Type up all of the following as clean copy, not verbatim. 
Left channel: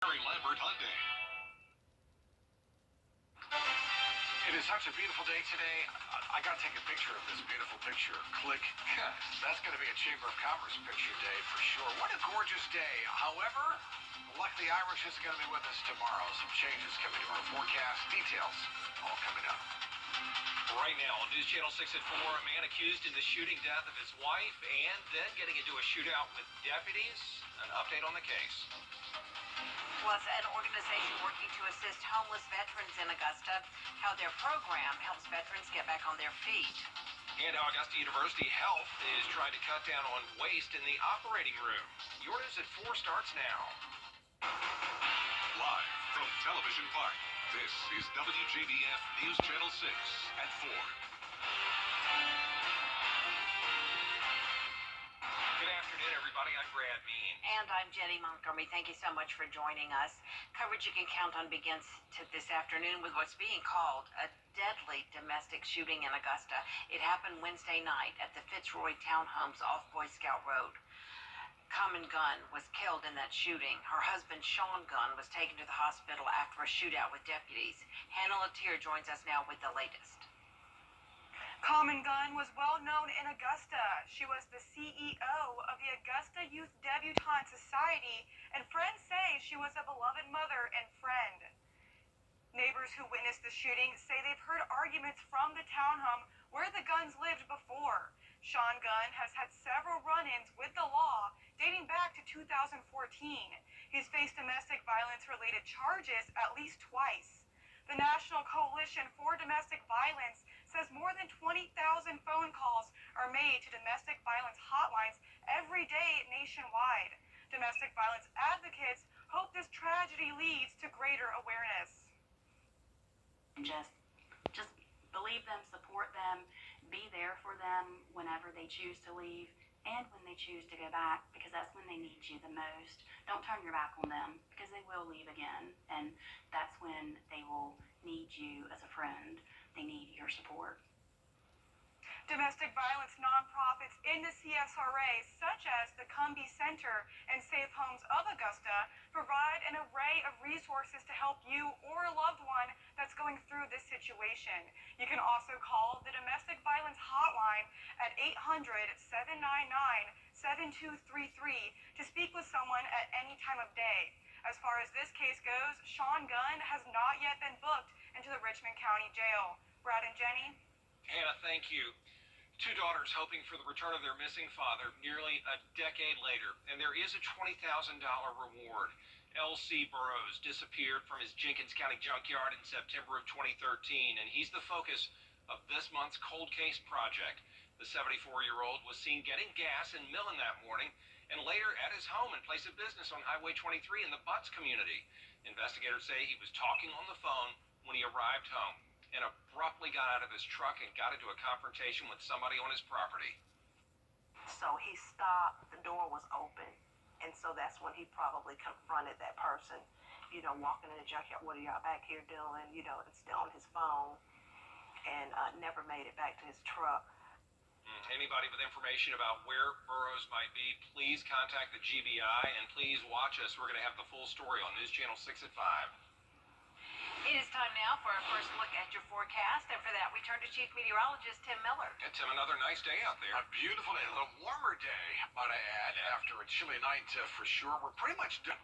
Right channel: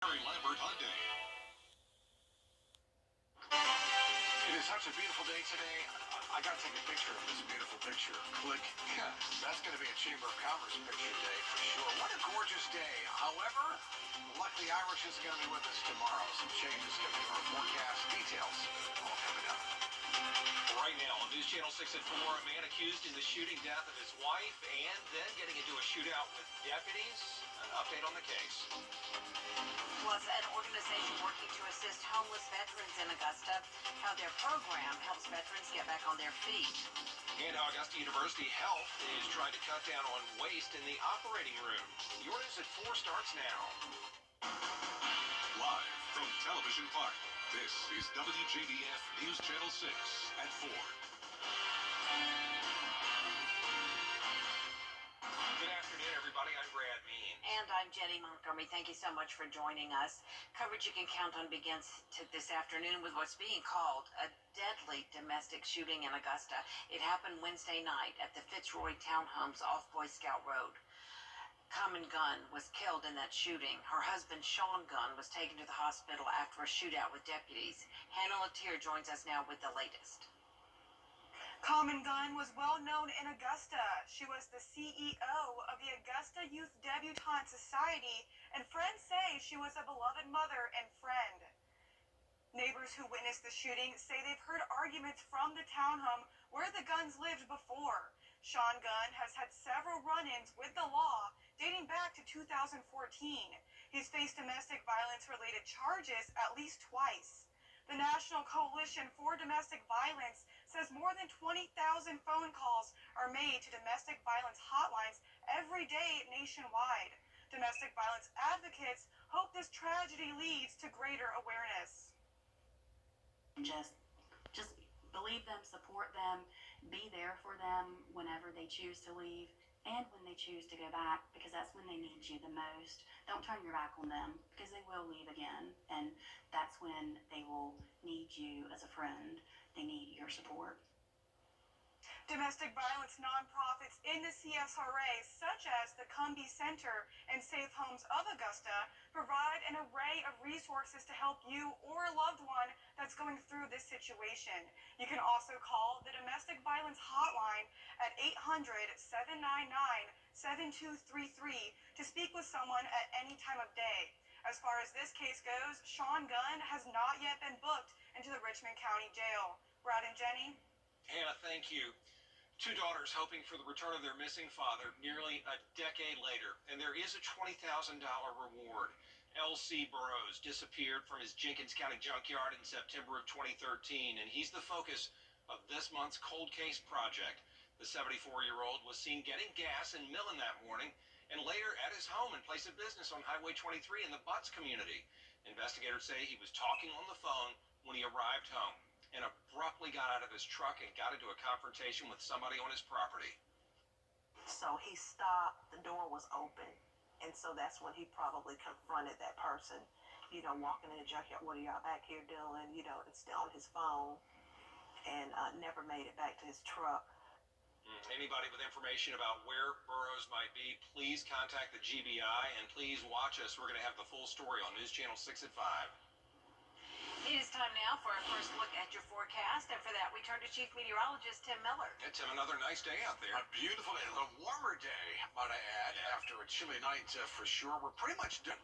It is such a beautiful day today. I got to take a picture of this beautiful picture. Click. That's going to be a Chamber of Commerce picture day for sure. What a gorgeous day. However, luckily Irish isn't going to be with us tomorrow. Some changes coming to our forecast. Details all coming up. Right now on News Channel 6 at 4, a man accused in the shooting death of his wife and then getting into a shootout with deputies. An update on the case. Plus, an organization working to assist homeless veterans in Augusta, how their program helps veterans get back on their feet. And how Augusta University Health is trying to cut down on waste in the operating room. Your news at 4 starts now. Live from Television Park, this is Wjbf News Channel 6 at 4. Good afternoon, everybody. I'm Brad Mean. And I'm Jenny Montgomery. Thank you so much for joining us. Coverage you can count on begins this afternoon with what's being called a deadly domestic shooting in Augusta. It happened Wednesday night at the Fitzroy Townhomes off Boy Scout Road. Common Gunn was killed in that shooting. Her husband, Sean Gunn, was taken to the hospital after a shootout with deputies. Hannah Latier joins us now with the latest. Common Gunn was well known in Augusta. She was the CEO of the Augusta Youth Debutante Society, and friends say she was a beloved mother and friend. Neighbors who witnessed the shooting say they've heard arguments from the townhome where the Gunns lived before. Sean Gunn has had several run-ins with the law dating back to 2014. He's faced domestic violence-related charges at least twice. The National Coalition for Domestic Violence says more than 20,000 phone calls are made to domestic violence hotlines every day nationwide. Domestic violence advocates hope this tragedy leads to greater awareness. Just believe them, support them, be there for them whenever they choose to leave and when they choose to go back, because that's when they need you the most. Don't turn your back on them, because they will leave again, and that's when they will need you as a friend. They need your support. Domestic violence nonprofits in the CSRA, such as the Cumbie Center and Safe Homes of Augusta, provide an array of resources to help you or a loved one that's going through this situation. You can also call the Domestic Violence Hotline at 800-799-7233 to speak with someone at any time of day. As far as this case goes, Sean Gunn has not yet been booked into the Richmond County Jail. Brad and Jenny? Hannah, thank you. 2 daughters hoping for the return of their missing father nearly a decade later, and there is a $20,000 reward. L.C. Burrows disappeared from his Jenkins County junkyard in September of 2013, and he's the focus of this month's Cold Case Project. The 74-year-old was seen getting gas in Millen that morning and later at his home and place of business on Highway 23 in the Butts community. Investigators say he was talking on the phone when he arrived home and abruptly got out of his truck and got into a confrontation with somebody on his property. So he stopped, the door was open, and so that's when he probably confronted that person, walking in the junkyard, what are y'all back here doing, and still on his phone, and never made it back to his truck. Anybody with information about where Burrows might be, please contact the GBI, and please watch us. We're going to have the full story on News Channel 6 at 5. It is time now for our first look at your forecast, and for that we turn to Chief Meteorologist Tim Miller. Yeah, Tim, another nice day out there. A beautiful day, a little warmer day, might I add, after a chilly night for sure. We're pretty much done.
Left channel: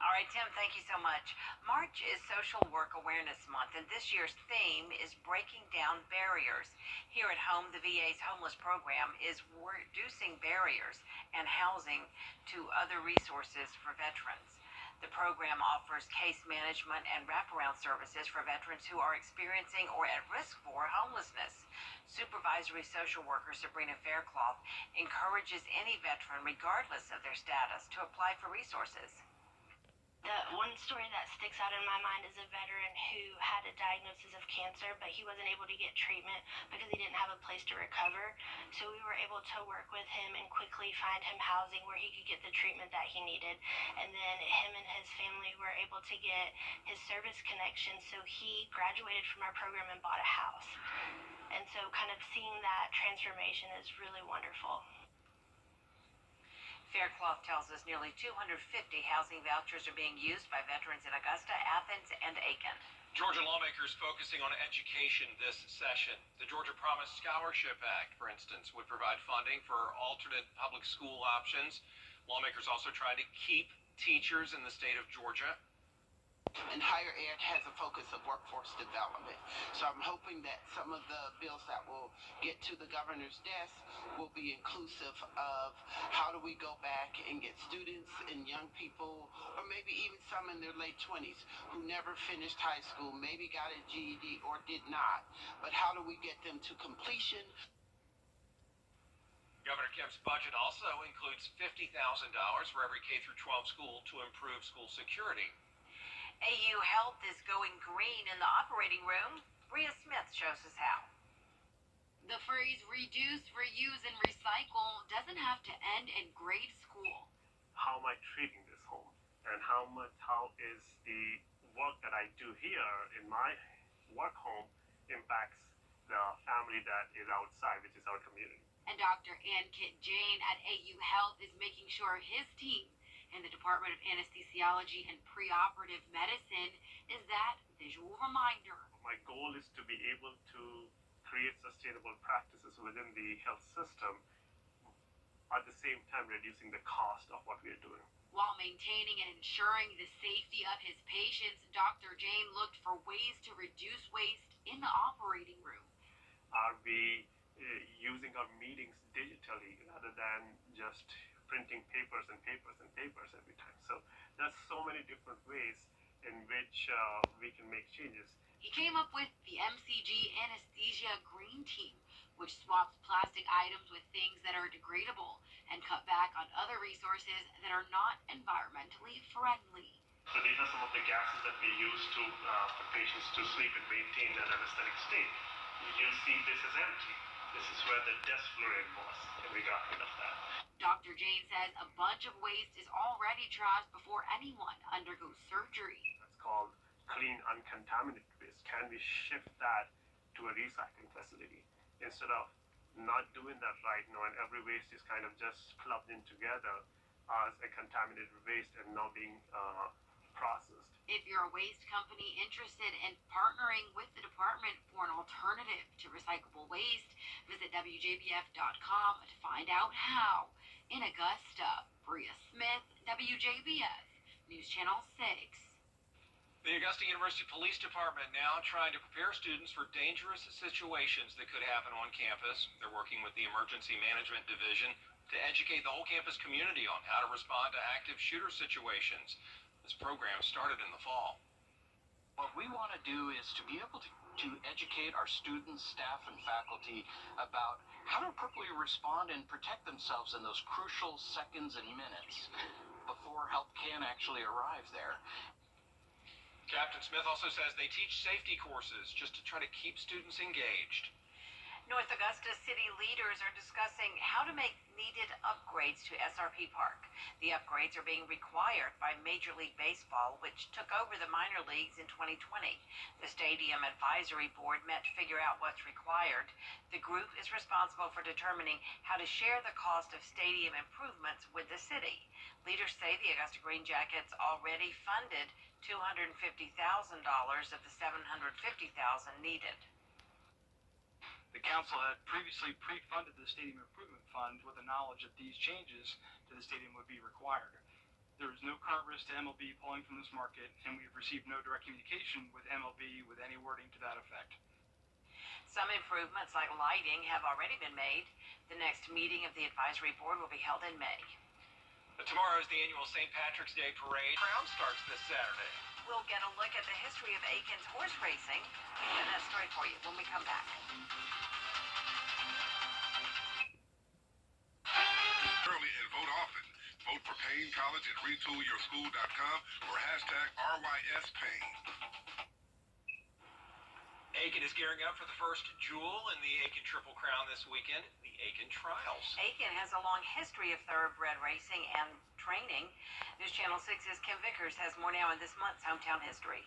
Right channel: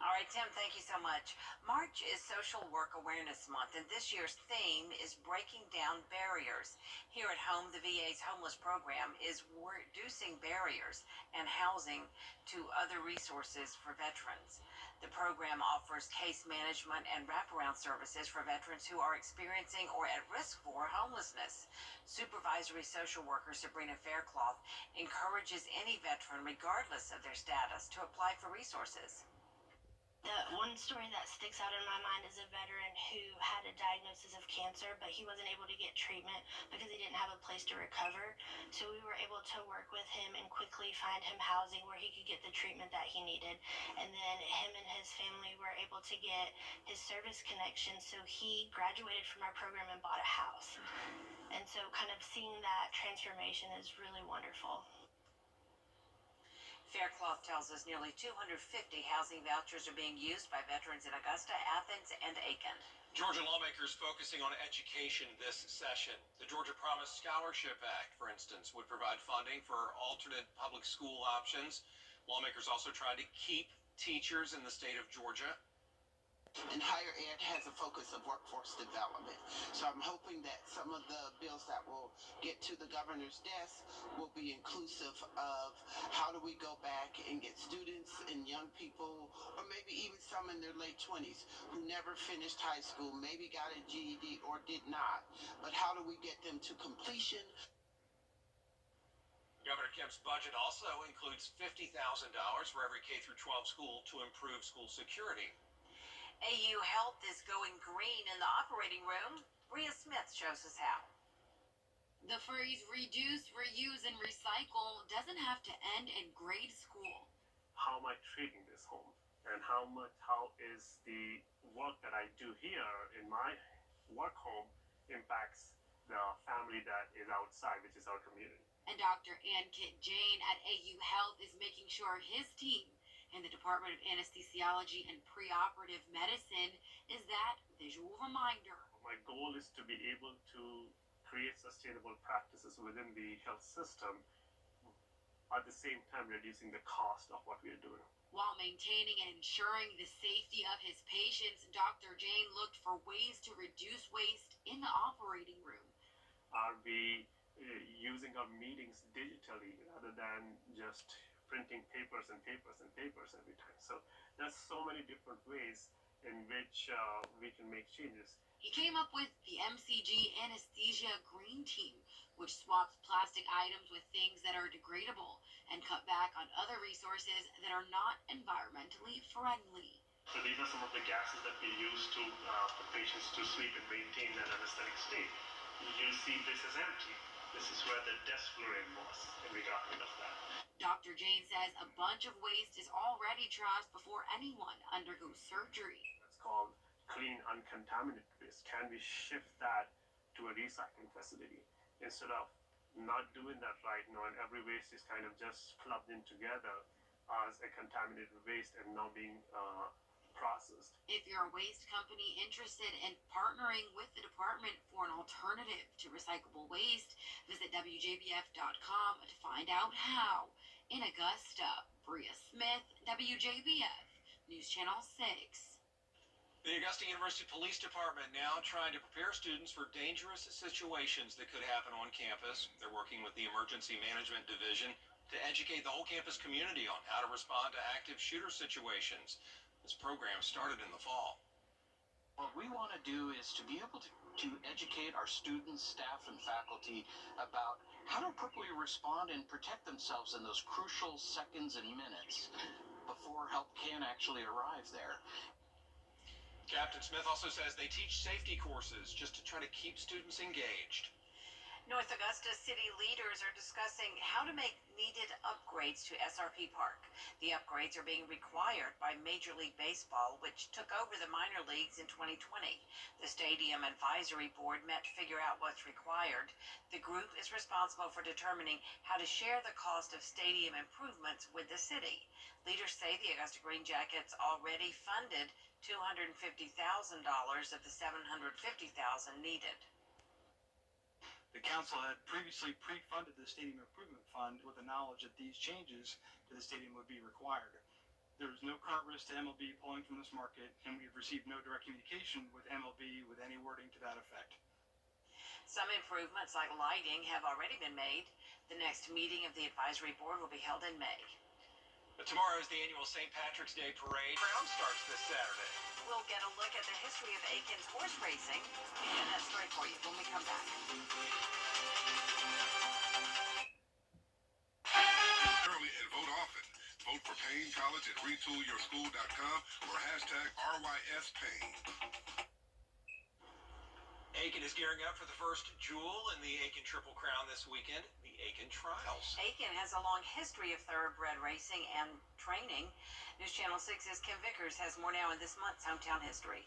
All right, Tim, thank you so much. March is Social Work Awareness Month, and this year's theme is breaking down barriers. Here at home, the VA's homeless program is reducing barriers and housing to other resources for veterans. The program offers case management and wraparound services for veterans who are experiencing or at risk for homelessness. Supervisory social worker Sabrina Faircloth encourages any veteran, regardless of their status, to apply for resources. The one story that sticks out in my mind is a veteran who had a diagnosis of cancer, but he wasn't able to get treatment because he didn't have a place to recover. So we were able to work with him and quickly find him housing where he could get the treatment that he needed. And then him and his family were able to get his service connection, so he graduated from our program and bought a house. And so kind of seeing that transformation is really wonderful. Faircloth tells us nearly 250 housing vouchers are being used by veterans in Augusta, Athens, and Aiken. Georgia lawmakers focusing on education this session. The Georgia Promise Scholarship Act, for instance, would provide funding for alternate public school options. Lawmakers also trying to keep teachers in the state of Georgia. And higher ed has a focus of workforce development. So I'm hoping that some of the bills that will get to the governor's desk will be inclusive of how do we go back and get students and young people, or maybe even some in their late 20s who never finished high school, maybe got a GED or did not, but how do we get them to completion? Governor Kemp's budget also includes $50,000 for every K-12 school to improve school security. AU Health is going green in the operating room. Bria Smith shows us how. The phrase reduce, reuse, and recycle doesn't have to end in grade school. How am I treating this home? And how is the work that I do here in my work home impacts the family that is outside, which is our community. And Dr. Ankit Jain at AU Health is making sure his team in the Department of Anesthesiology and Preoperative Medicine is that visual reminder. My goal is to be able to create sustainable practices within the health system, at the same time reducing the cost of what we are doing. While maintaining and ensuring the safety of his patients, Dr. Jain looked for ways to reduce waste in the operating room. Are we using our meetings digitally rather than just printing papers and papers and papers every time? So there's so many different ways in which we can make changes. He came up with the MCG Anesthesia Green Team, which swaps plastic items with things that are degradable and cut back on other resources that are not environmentally friendly. So these are some of the gases that we use for patients to sleep and maintain an anesthetic state. You see this is empty. This is where the desflurane was, and we got rid of that. Dr. Jain says a bunch of waste is already trashed before anyone undergoes surgery. That's called clean, uncontaminated waste. Can we shift that to a recycling facility instead of not doing that right now, and every waste is kind of just clubbed in together as a contaminated waste and not being processed. If you're a waste company interested in partnering with the department for an alternative to recyclable waste, visit WJBF.com to find out how. In Augusta, Bria Smith, WJBF, News Channel 6. The Augusta University Police Department now trying to prepare students for dangerous situations that could happen on campus. They're working with the Emergency Management Division to educate the whole campus community on how to respond to active shooter situations. This program started in the fall. What we want to do is to be able to educate our students, staff, and faculty about how to appropriately respond and protect themselves in those crucial seconds and minutes before help can actually arrive there. Captain Smith also says they teach safety courses just to try to keep students engaged. North Augusta city leaders are discussing how to make needed upgrades to SRP Park. The upgrades are being required by Major League Baseball, which took over the minor leagues in 2020. The Stadium Advisory Board met to figure out what's required. The group is responsible for determining how to share the cost of stadium improvements with the city. Leaders say the Augusta Green Jackets already funded $250,000 of the $750,000 needed. The council had previously pre-funded the Stadium Improvement Fund with the knowledge that these changes to the stadium would be required. There is no current risk to MLB pulling from this market, and we have received no direct communication with MLB with any wording to that effect. Some improvements like lighting have already been made. The next meeting of the advisory board will be held in May. But tomorrow is the annual St. Patrick's Day Parade. Crown starts this Saturday. We'll get a look at the history of Aiken's horse racing and that story for you when we come back. Early and vote often. Vote for Payne College at retoolyourschool.com or hashtag RYSPayne. Aiken is gearing up for the first jewel in the Aiken Triple Crown this weekend, the Aiken Trials. Aiken has a long history of thoroughbred racing and training. News Channel 6's Kim Vickers has more now in this month's Hometown History.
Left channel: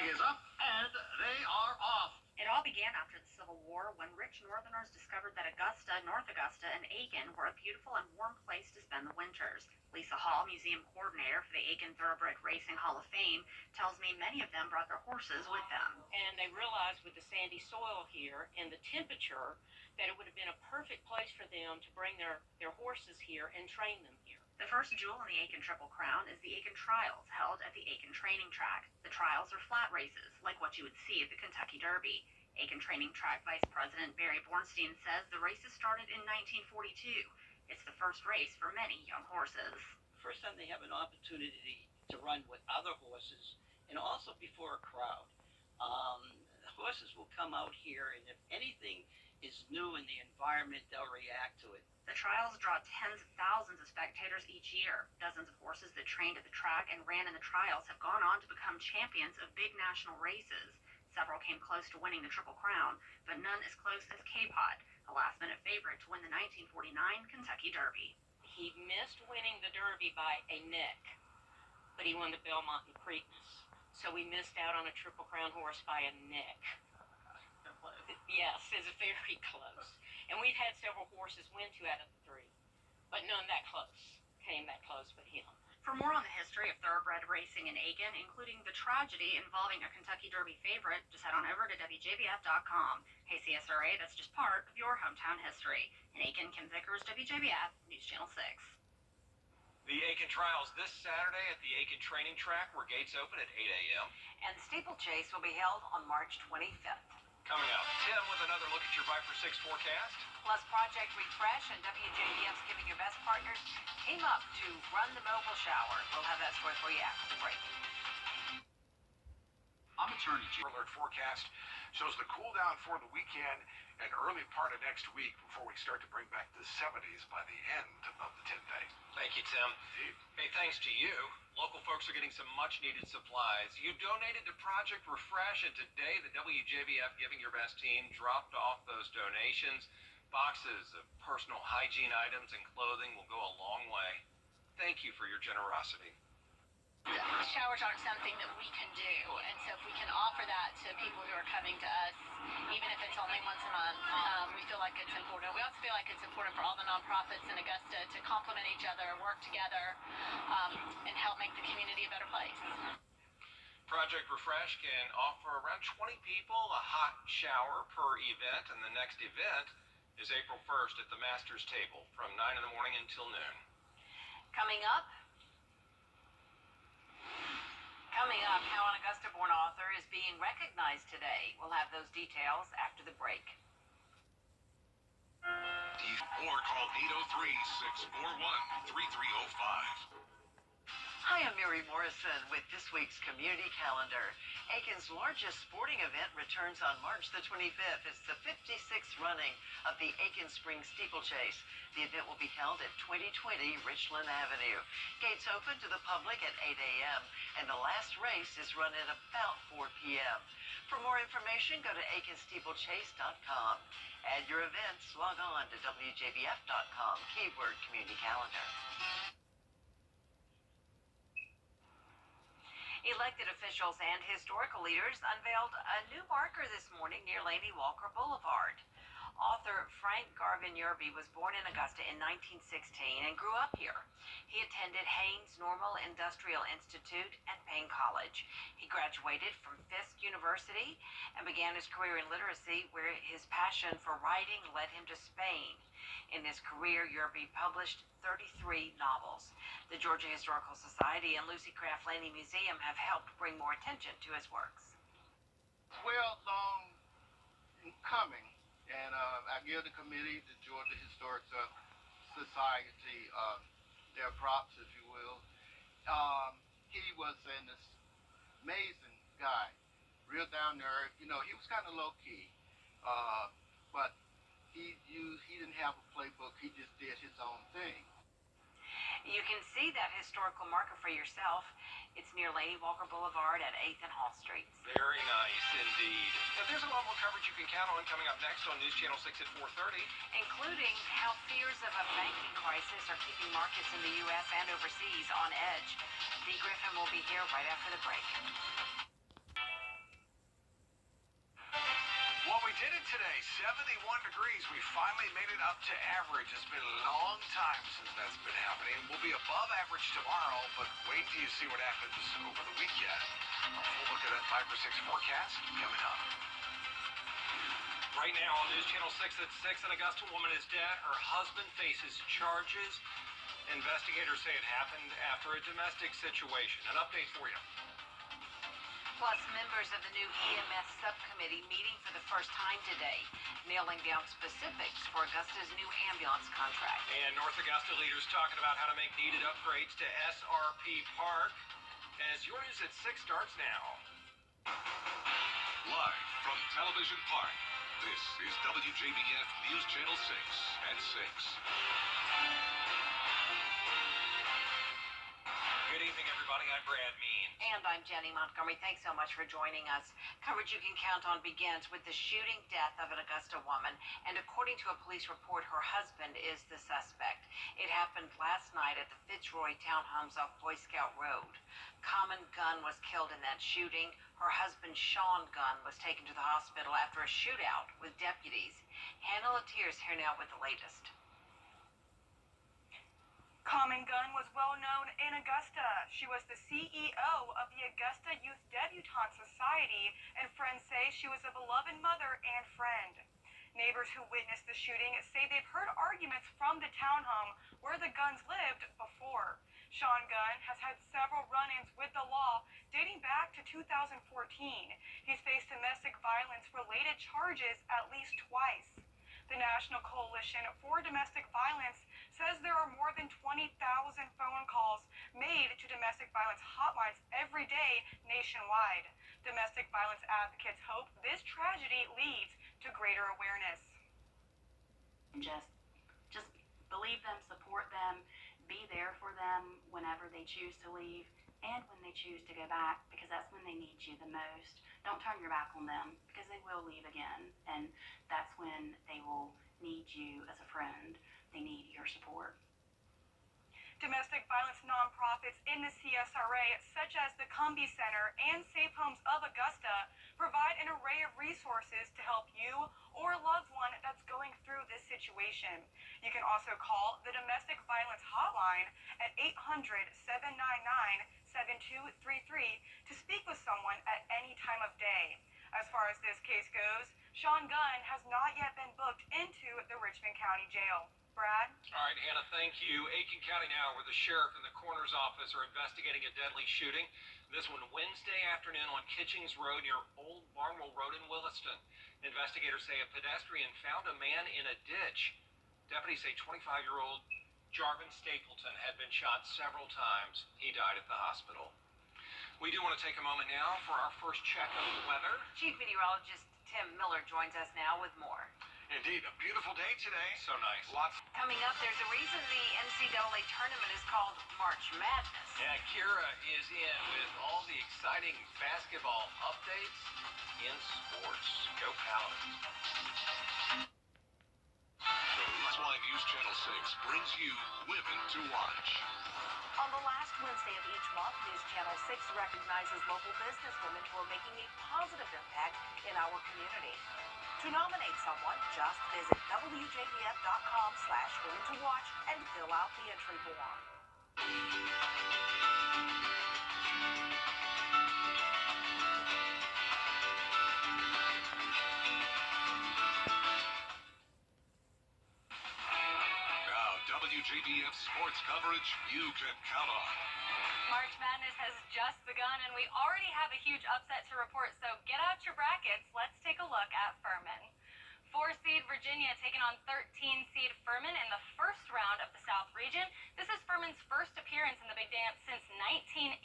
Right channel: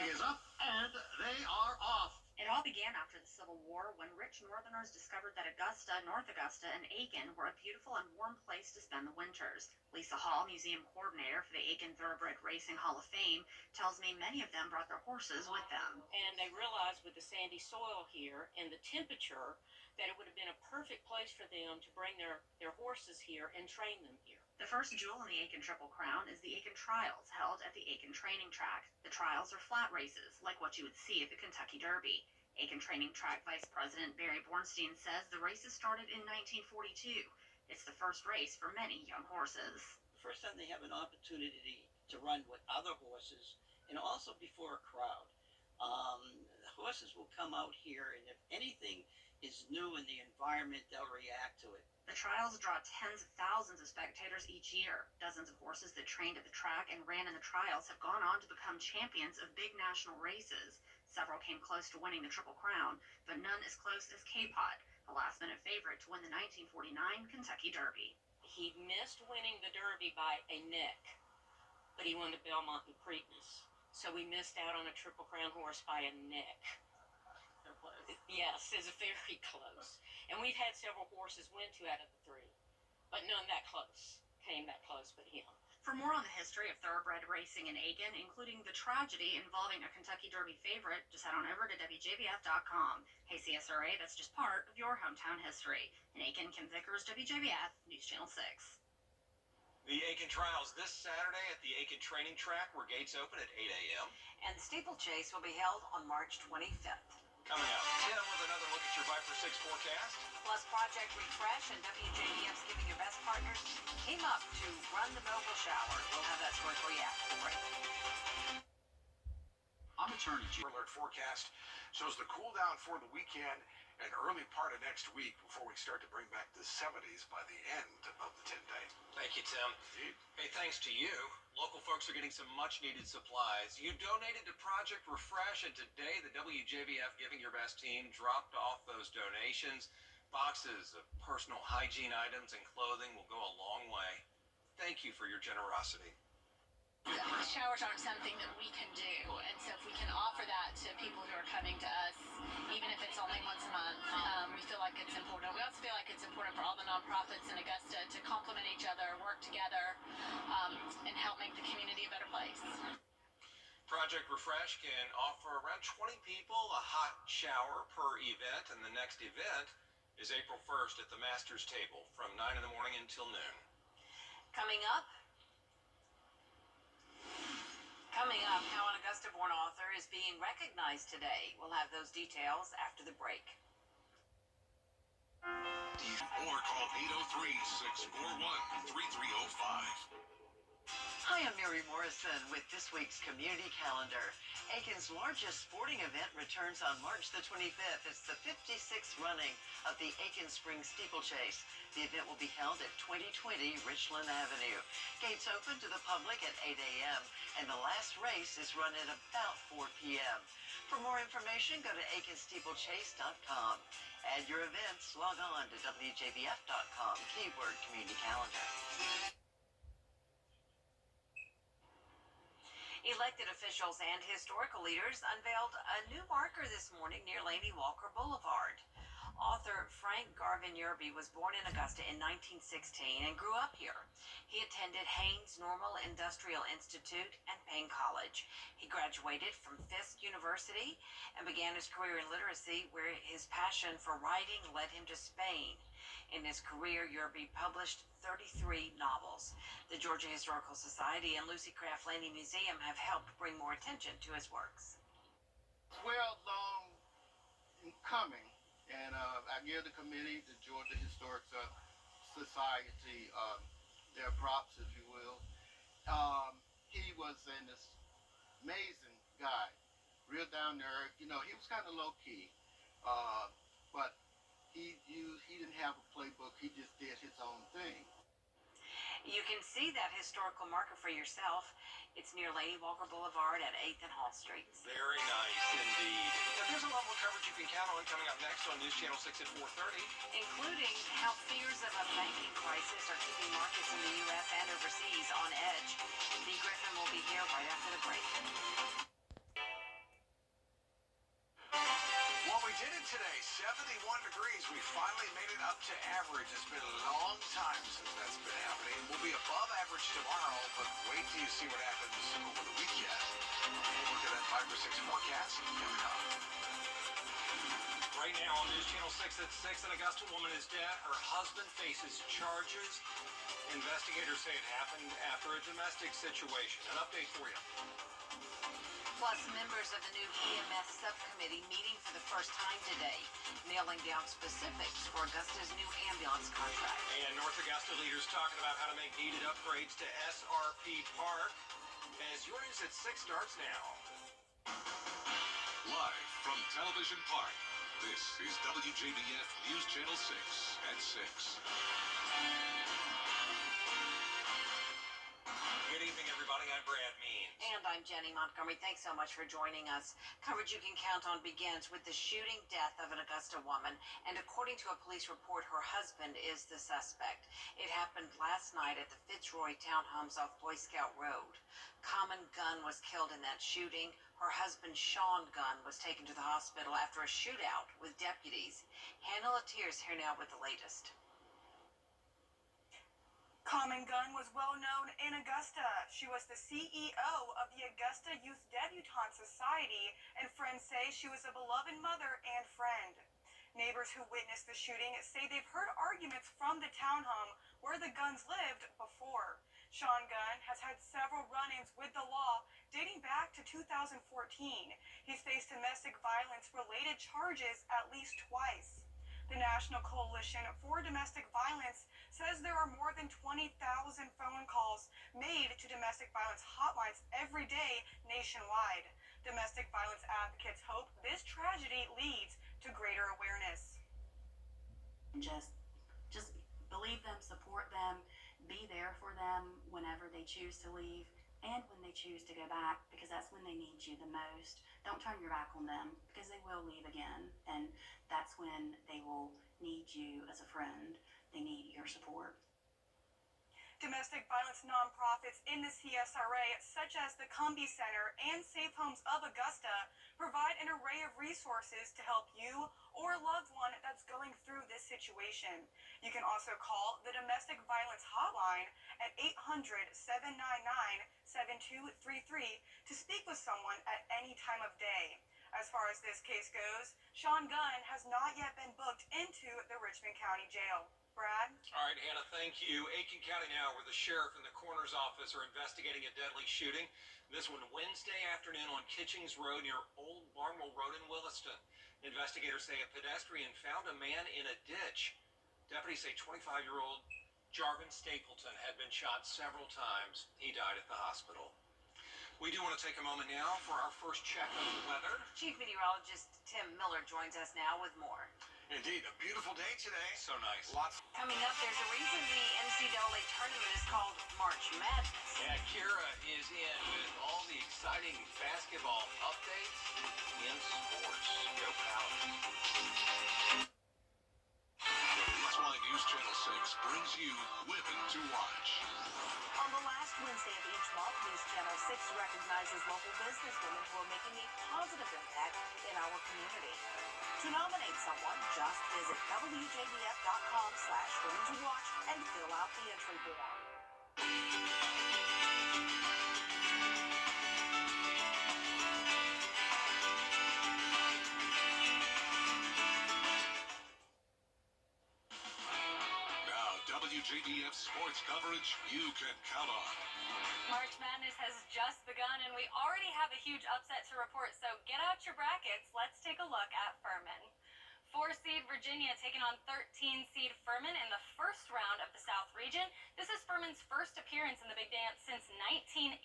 Is up and they are off. It all began after the Civil War when rich Northerners discovered that Augusta, North Augusta, and Aiken were a beautiful and warm place to spend the winters. Lisa Hall, museum coordinator for the Aiken Thoroughbred Racing Hall of Fame, tells me many of them brought their horses with them. And they realized with the sandy soil here and the temperature that it would have been a perfect place for them to bring their horses here and train them here. The first jewel in the Aiken Triple Crown is the Aiken Trials, held at the Aiken Training Track. The trials are flat races, like what you would see at the Kentucky Derby. Aiken Training Track Vice President Barry Bornstein says the races started in 1942. It's the first race for many young horses. The first time they have an opportunity to run with other horses and also before a crowd. Horses will come out here, and if anything is new in the environment, they'll react to it. The trials draw tens of thousands of spectators each year. Dozens of horses that trained at the track and ran in the trials have gone on to become champions of big national races. Several came close to winning the Triple Crown, but none as close as K-Pot, a last-minute favorite to win the 1949 Kentucky Derby. He missed winning the Derby by a neck, but he won the Belmont and Preakness. So we missed out on a Triple Crown horse by a neck. Yes, it's very close. And we've had several horses win 2 out of the 3, but none that close. Came that close but him. For more on the history of thoroughbred racing in Aiken, including the tragedy involving a Kentucky Derby favorite, just head on over to Wjbf.com. Hey CSRA, that's just part of your hometown history. In Aiken, Kim Vickers, WJBF, News Channel 6. The Aiken Trials this Saturday at the Aiken Training Track, where gates open at 8 a.m. And the steeplechase will be held on March 25th. Coming up, Tim with another look at your Viper 6 forecast. Plus Project Refresh and WJBF's Giving Your Best partners team up to run the mobile shower. We'll have that story for you after the break. I'm Attorney Chief. Alert forecast shows the cool down for the weekend and early part of next week before we start to bring back the 70s by the end of the 10-day. Thank you, Tim. Indeed. Hey, thanks to you, local folks are getting some much-needed supplies. You donated to Project Refresh, and today the WJBF Giving Your Best team dropped off those donations. Boxes of personal hygiene items and clothing will go a long way. Thank you for your generosity. Showers aren't something that we can do, and so if we can offer that to people who are coming to us, even if it's only once a month, we feel like it's important. We also feel like it's important for all the nonprofits in Augusta to complement each other, work together, and help make the community a better place. Project Refresh can offer around 20 people a hot shower per event, and the next event is April 1st at the Masters Table from 9 in the morning until noon. Coming up, how an Augusta-born author is being recognized today. We'll have those details after the break. Or call 803-641-3305. Hi, I'm Mary Morrison with this week's community calendar. Aiken's largest sporting event returns on March the 25th. It's the 56th running of the Aiken Spring Steeplechase. The event will be held at 2020 Richland Avenue. Gates open to the public at 8 a.m. and the last race is run at about 4 p.m. For more information, go to aikensteeplechase.com. Add your events, log on to WJBF.com, keyword community calendar. Elected officials and historical leaders unveiled a new marker this morning near Laney Walker Boulevard. Author Frank Garvin Wjbf was born in Augusta in 1916 and grew up here. He attended Haynes Normal Industrial Institute and Payne College. He graduated from Fisk University and began his career in literacy, where his passion for writing led him to Spain. In his career, Wjbf published 33 novels. The Georgia Historical Society and Lucy Craft Laney Museum have helped bring more attention to his works. Well, long in coming, and I give the committee, the Georgia Historic Society, their props, if you will. He was an amazing guy, real down to earth. You know, he was kind of low key, but he didn't have a playbook. He just did his own thing. You can see that historical marker for yourself. It's near Laney Walker Boulevard at 8th and Hall Streets. Very nice indeed. Now, there's a lot more coverage you can count on coming up next on News Channel 6 at 4:30. Including how fears of a banking crisis are keeping markets in the U.S. and overseas on edge. Dee Griffin will be here right after the break. did it today. 71 degrees. We finally made it up to average. It's been a long time since that's been happening. We'll be above average tomorrow, but wait till you see what happens over the weekend. We'll look at that 5 or 6 forecast coming up. Right now on News Channel 6 at 6, an Augusta woman is dead. Her husband faces charges. Investigators say it happened after a domestic situation. An update for you. Plus, members of the new EMS subcommittee meeting for the first time today, nailing down specifics for Augusta's new ambulance contract. And North Augusta leaders talking about how to make needed upgrades to SRP Park. As your news at 6 starts now. Live from Television Park, this is WJBF News Channel 6 at 6. Good evening, everybody. I'm Brad Means. And I'm Jenny Montgomery. Thanks so much for joining us. Coverage you can count on begins with the shooting death of an Augusta woman. And according to a police report, her husband is the suspect. It happened last night at the Fitzroy Townhomes off Boy Scout Road. Common Gunn was killed in that shooting. Her husband, Sean Gunn, was taken to the hospital after a shootout with deputies. Hannah Latiers here now with the latest. Common Gunn was well known in Augusta. She was the CEO of the Augusta Youth Debutante Society, and friends say she was a beloved mother and friend. Neighbors who witnessed the shooting say they've heard arguments from the townhome where the Gunns lived before. Sean Gunn has had several run-ins with the law dating back to 2014. He's faced domestic violence-related charges at least twice. The National Coalition for Domestic Violence says there are more than 20,000 phone calls made to domestic violence hotlines every day nationwide. Domestic violence advocates hope this tragedy leads to greater awareness. Just believe them, support them, be there for them whenever they choose to leave and when they choose to go back, because that's when they need you the most. Don't turn your back on them, because they will leave again, and that's when they will need you as a friend. They need your support. Domestic violence nonprofits in the CSRA, such as the Cumbie Center and Safe Homes of Augusta, provide an array of resources to help you or a loved one that's going through this situation. You can also call the Domestic Violence Hotline at 800-799-7233 to speak with someone at any time of day. As far as this case goes, Sean Gunn has not yet been booked into the Richmond County Jail. Brad? All right, Hannah, thank you. Aiken County now, where the sheriff and the coroner's office are investigating a deadly shooting. This one Wednesday afternoon on Kitchings Road near Old Barnwell Road in Williston. Investigators say a pedestrian found a man in a ditch. Deputies say 25-year-old Jarvin Stapleton had been shot several times. He died at the hospital. We do want to take a moment now for our first check of the weather. Chief Meteorologist Tim Miller joins us now with more. Indeed, a beautiful day today. So nice. Lots. Coming up, there's a reason the NCAA tournament is called March Madness. Yeah, Kira is in with all the exciting basketball updates in sports. Go Paladins. That's why News Channel 6 brings you Women to Watch. On the last Wednesday of each month, News Channel 6 recognizes local businesswomen who are making a positive impact in our community. To nominate someone, just visit WJBF.com/Women to Watch and fill out the entry form. Now, WJBF sports coverage you can count on. March Madness has just begun, and we already have a huge upset to report, so get out your brackets. Let's take a look at Furman. 4-seed Virginia taking on 13-seed Furman in the first round of the South region. This is Furman's first appearance in the Big Dance since 1980.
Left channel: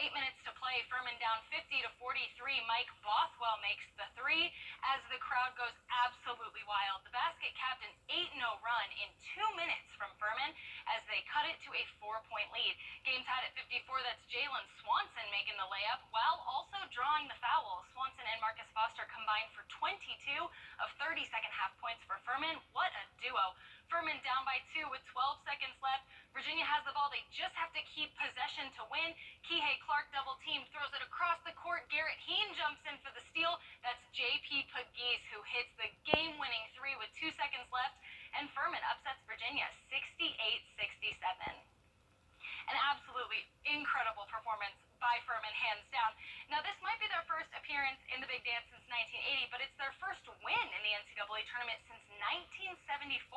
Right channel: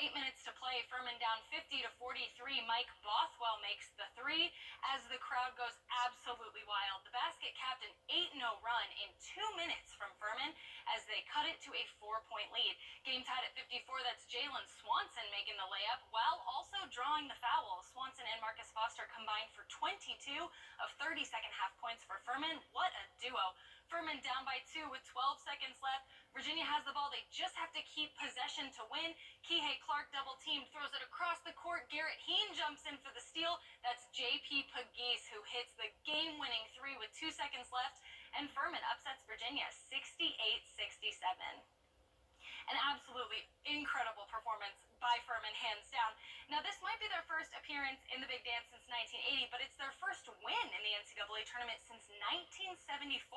8 minutes to play, Furman down 50-43. Mike Bothwell makes the three as the crowd goes absolutely wild. The basket capped an 8-0 run in 2 minutes from Furman as they cut it to a 4-point lead. Game tied at 54. That's Jalen Swanson making the layup while also drawing the foul. Swanson and Marcus Foster combined for 22 of 30 second half points for Furman. What a duo. Furman down by 2 with 12 seconds left. Virginia has the ball. They just have to keep possession to win. Kihei Clark double teamed, throws it across the court. Garrett Heen jumps in for the steal. That's J.P. Pegues who hit down. Now, this might be their first appearance in the Big Dance since 1980, but it's their first win in the NCAA tournament since 1974.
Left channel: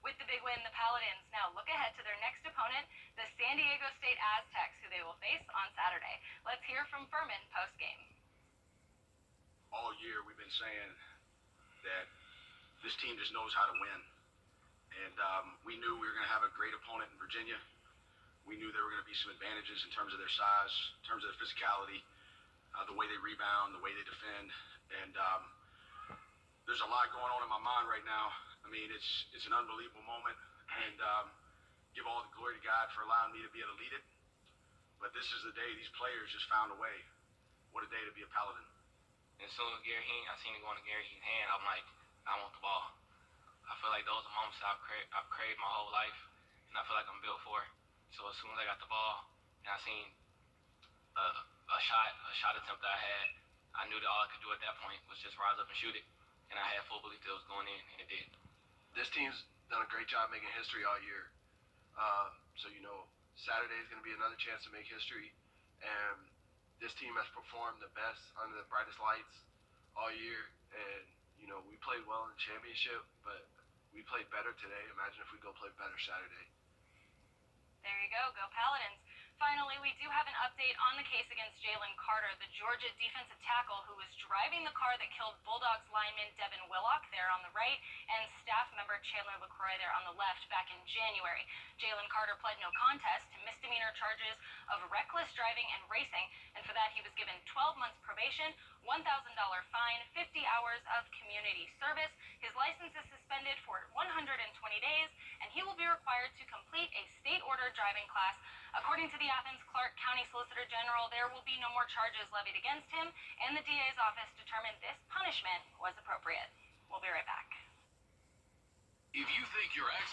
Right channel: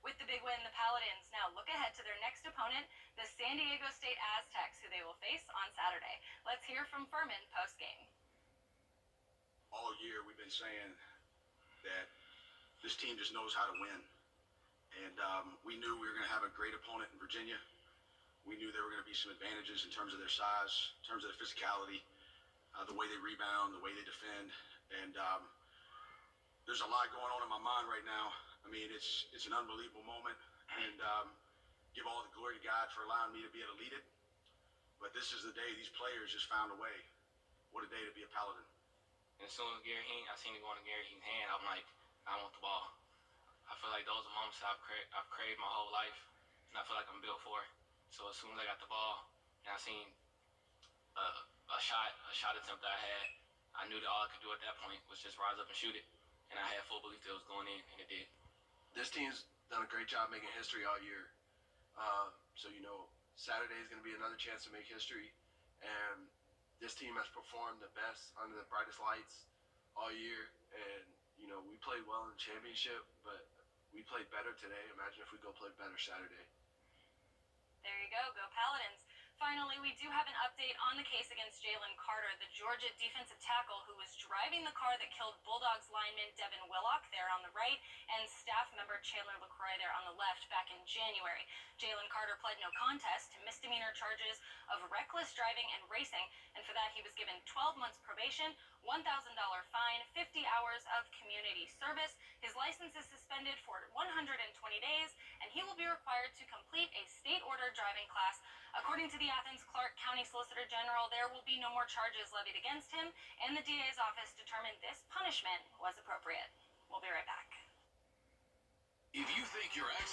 With the big win, the Paladins now look ahead to their next opponent, the San Diego State Aztecs, who they will face on Saturday. Let's hear from Furman post-game. All year we've been saying that this team just knows how to win. And we knew we were going to have a great opponent in Virginia. We knew there were going to be some advantages in terms of their size, in terms of their physicality, the way they rebound, the way they defend. And there's a lot going on in my mind right now. I mean, it's an unbelievable moment. And give all the glory to God for allowing me to be able to lead it. But this is the day these players just found a way. What a day to be a Paladin. And as soon as I seen it going to Gary Hean's hand, I'm like, I want the ball. I feel like those are moments I've craved my whole life, and I feel like I'm built for it. So as soon as I got the ball, and I seen a shot attempt that I had, I knew that all I could do at that point was just rise up and shoot it, and I had full belief that it was going in, and it did. This team's done a great job making history all year. So Saturday is going to be another chance to make history, and this team has performed the best under the brightest lights all year, and we played well in the championship, but we played better today. Imagine if we go play better Saturday. There you go Paladins. Finally, we do have an update on the case against Jalen Carter, the Georgia defensive tackle who was driving the car that killed Bulldogs lineman Devin Willock there on the right and staff member Chandler LaCroix there on the left back in January. Jalen Carter pled no contest to misdemeanor charges of reckless driving and racing, and for that he was given 12 months probation, $1,000 fine, 50 hours of community service. His license is suspended for 120 days, and he will be required to complete a state-ordered driving class. According to the Athens-Clarke County Solicitor General, there will be no more charges levied against him, and the DA's office determined this punishment was appropriate. We'll be right back. If you think your accident